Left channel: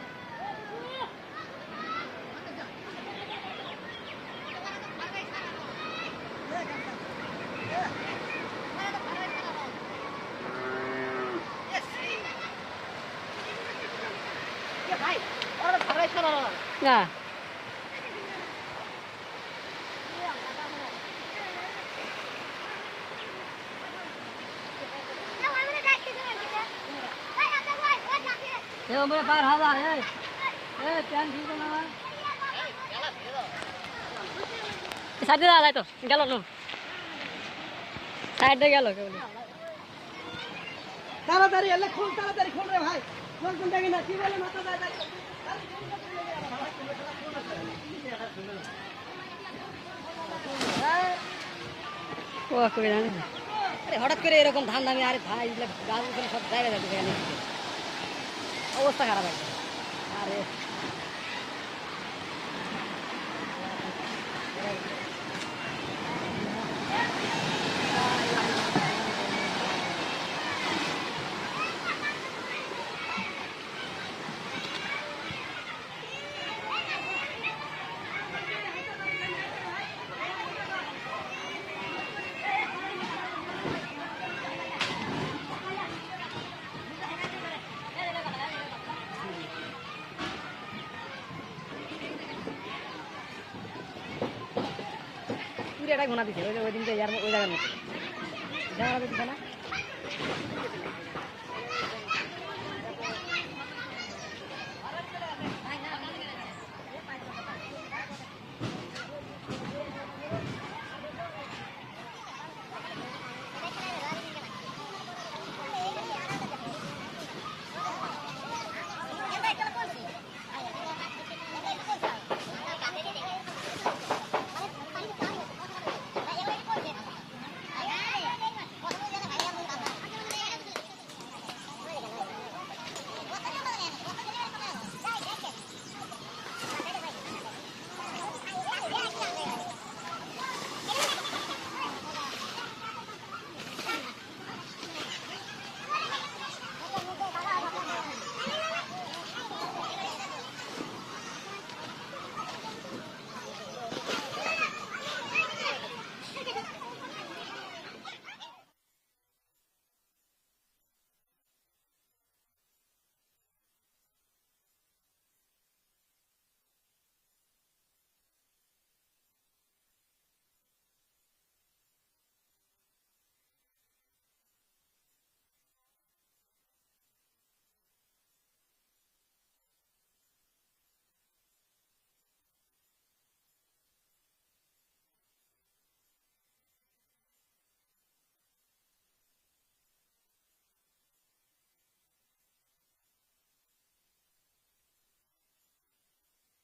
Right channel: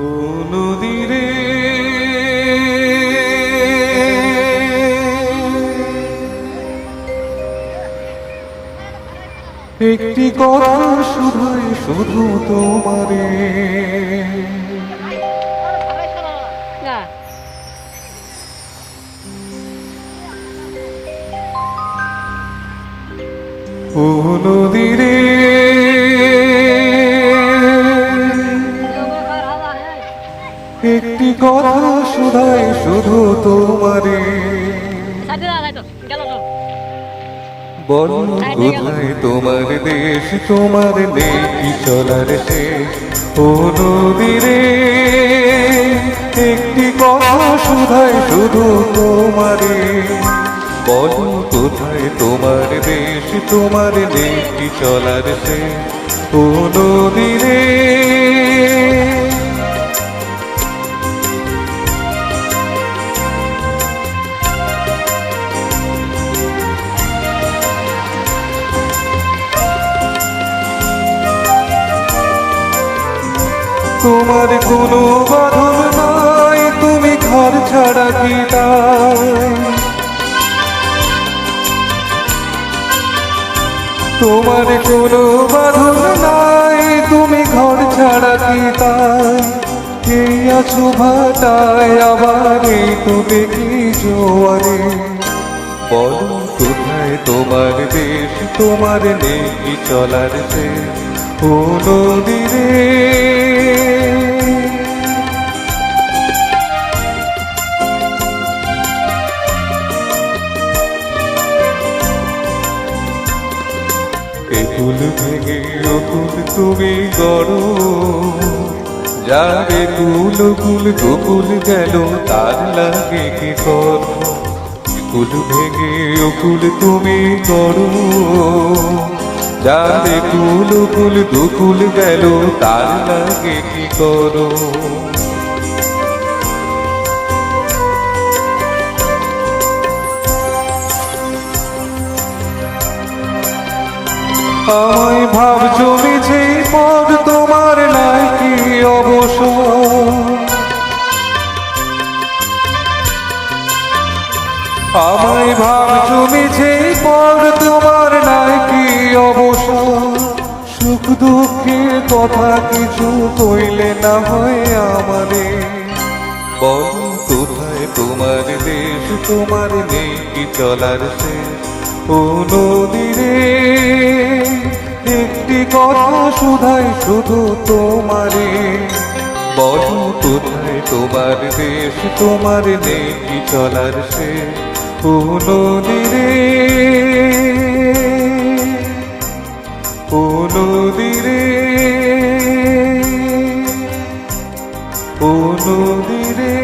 ও নদী রে, একটি কথা শুধুই শুধু তোমারে। না ও নদী রে, একটি কথা শুধাই শুধু তোমারে। সাইডে দাঁড়াই তো গেল তো বলো কোথায় তোমার দেশ, তোমার নেই চলার শেষ। ও নদী রে, একটি কথা শুধাই শুধু তোমারে। বলো কোথায় তোমার দেশ, তোমার নেই চলার শেষ। ও নদী রে, তোমার কোনো বাঁধন নাই, তুমি ঘর ছাড়া কি তাই? তোমার কোনো বাঁধন নাই, তুমি ঘর ছাড়া কি তাই? এই আছো ভাটায়, আবার এই তো দেখি জোয়ারে। বলো কোথায় তোমার দেশ, তোমার নেই চলার শেষ। ও নদী রে, একুল ভেঙে অকুল তুমি গড়ো, যারে কুল কুল দুকুল গেল তার লাগে কি করো। কুল ভেঙে অকুল তুমি গড়ো, যারে কুল কুল দুকুল গেল তার লাগে কি করো। আমায় ভাব জমেছে পদ, তোমার নাই কি অবসর। আমায় ভাব জমেছে পদ, তোমার নাই কি অবসর। সুখ দুঃখের কথা কিছু কইলে না হয় আমারে। বলো কোথায় তোমার দেশ, তোমার নেই কি চলার শেষ। ও নদী রে, একটি কথা শুধাই শুধু তোমারে। বলো কোথায় তোমার দেশ, তোমার নেই কি চলার শেষ। ও নদী রে, ও নদী রে, ও নদী রে।